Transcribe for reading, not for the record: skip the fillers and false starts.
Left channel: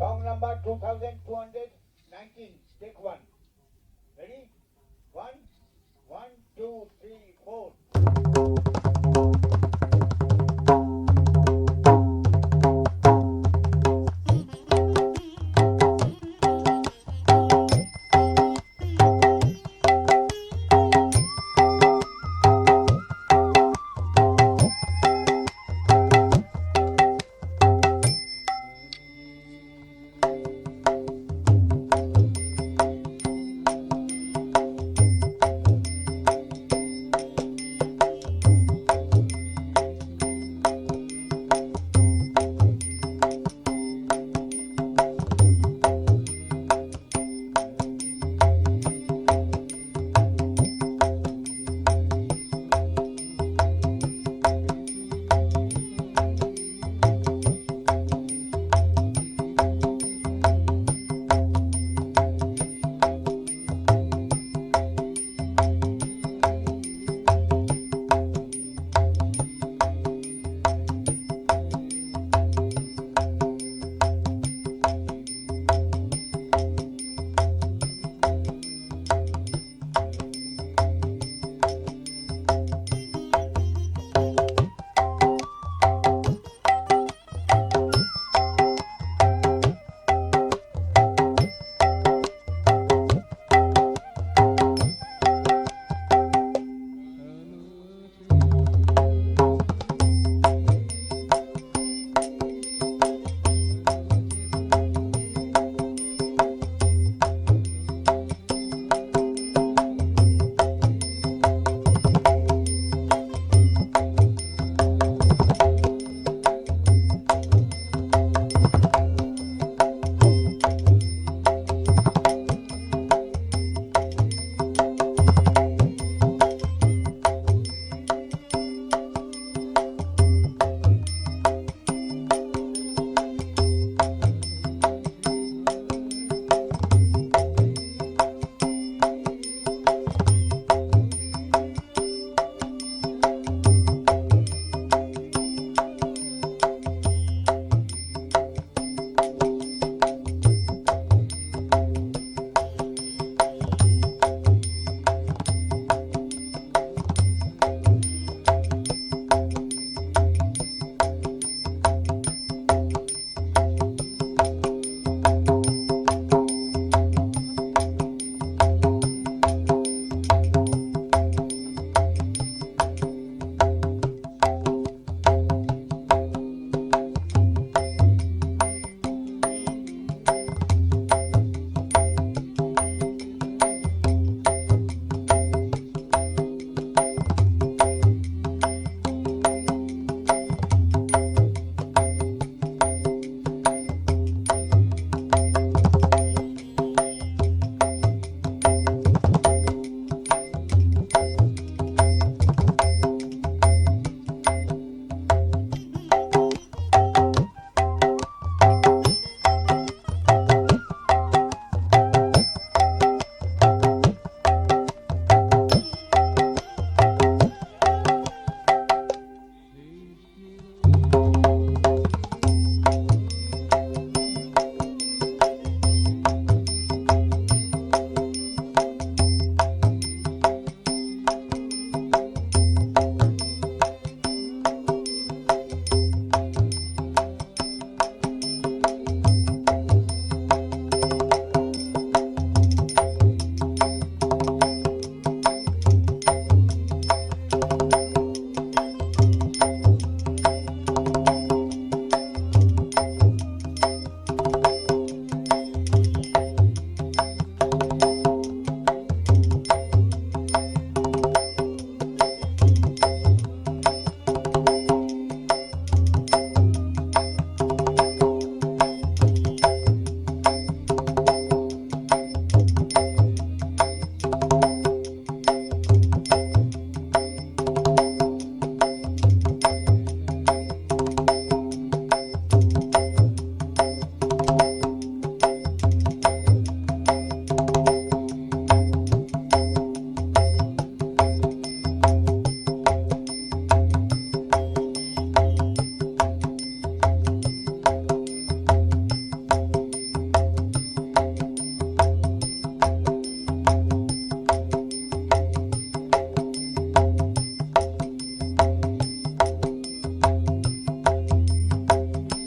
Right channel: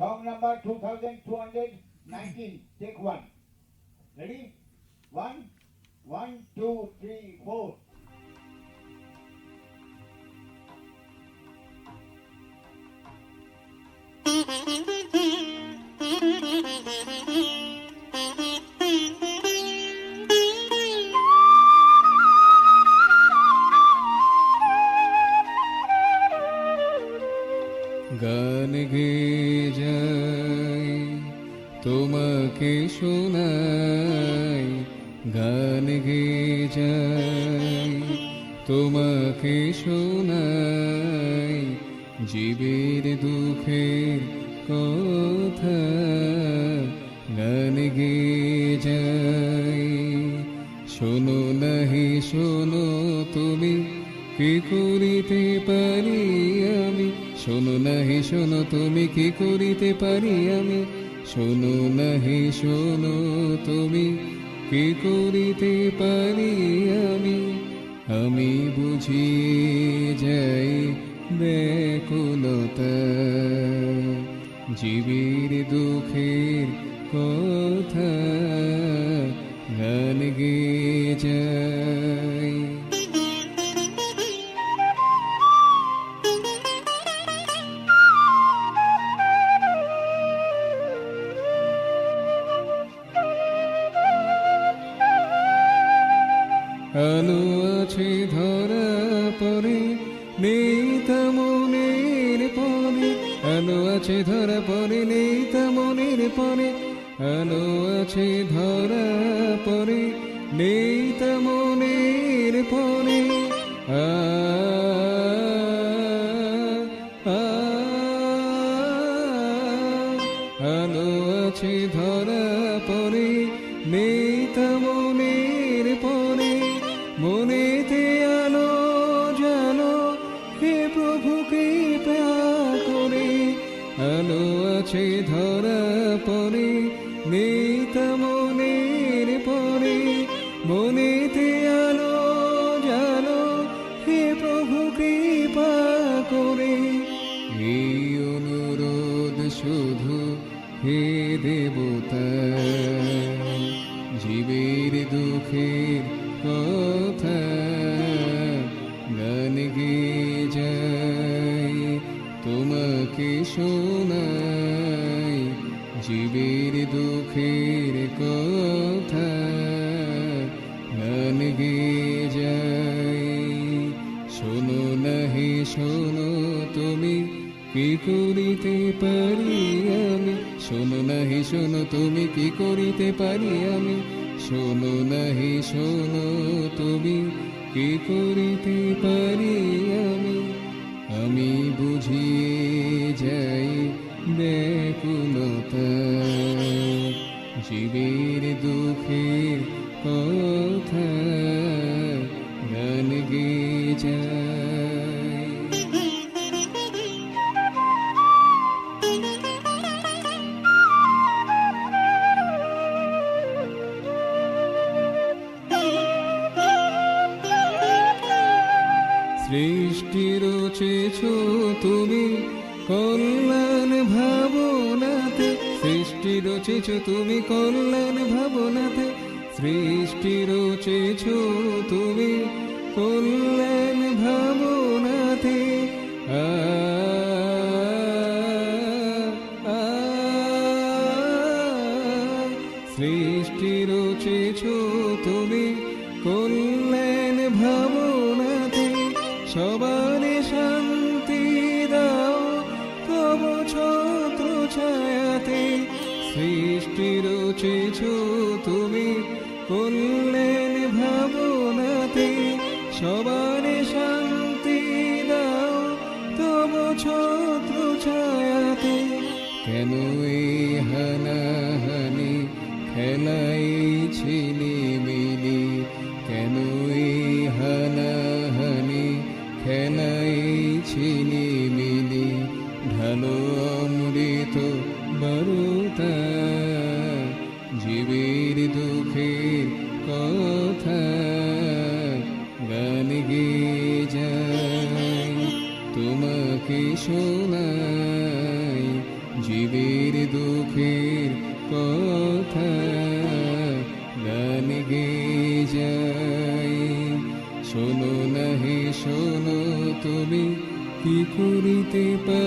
Song number 2219. Take one. Ready? One, one, two, three, four. গান গেয়ে যাই তোমাকে শোনাই, গান গেয়ে যাই তোমাকে শোনাই, জীবের দুঃখের কথা গান গেয়ে যাই। শোনো নাহি শোনো তুমি, কি করিতে পারি আমি, শোনো নাহি শোনো তুমি, কি করিতে পারি আমি, শোনো নাহি শোনো তুমি, কি করিতে পারি আমি। আমি বুঝিয়ে যাই ব্যাকুলতা, জীবের দুঃখের কথা গান গেয়ে যাই। আলো আছে ধরা পড়ে নেই তা মনের পরে, আলো আছে ধরা পড়ে নেই তা মনের পরে, আলো আছে ধরা পড়ে নেই তা মনের পরে। আ আ আলো আছে ধরা পড়ে নেই তা মনের পরে, মনেতে আলো জানো হে প্রভু কৃপা করে। আলো আছে ধরা পড়ে নেই তা মনের পরে, মনেতে আলো জানো হে প্রভু কৃপা করে। এই অনুরোধ শুধু হে দেবতা, জীবের দুঃখের কথা গান গেয়ে যাই তোমাকে শোনাই, জীবের দুঃখের কথা গান গেয়ে যাই। শোনো নাহি শোনো তুমি, কি করিতে পারি আমি, শোনো নাহি শোনো তুমি, কি করিতে পারি আমি, শোনো নাহি শোনো তুমি, কি করিতে পারি আমি। আমি বুঝিয়ে যাই ব্যাকুলতা, জীবের দুঃখের কথা গান গেয়ে যাই। জীবের দুঃখের কথা গান গেয়ে যাই। শোনো না হে শোনো, তুমি কি করিতে পারো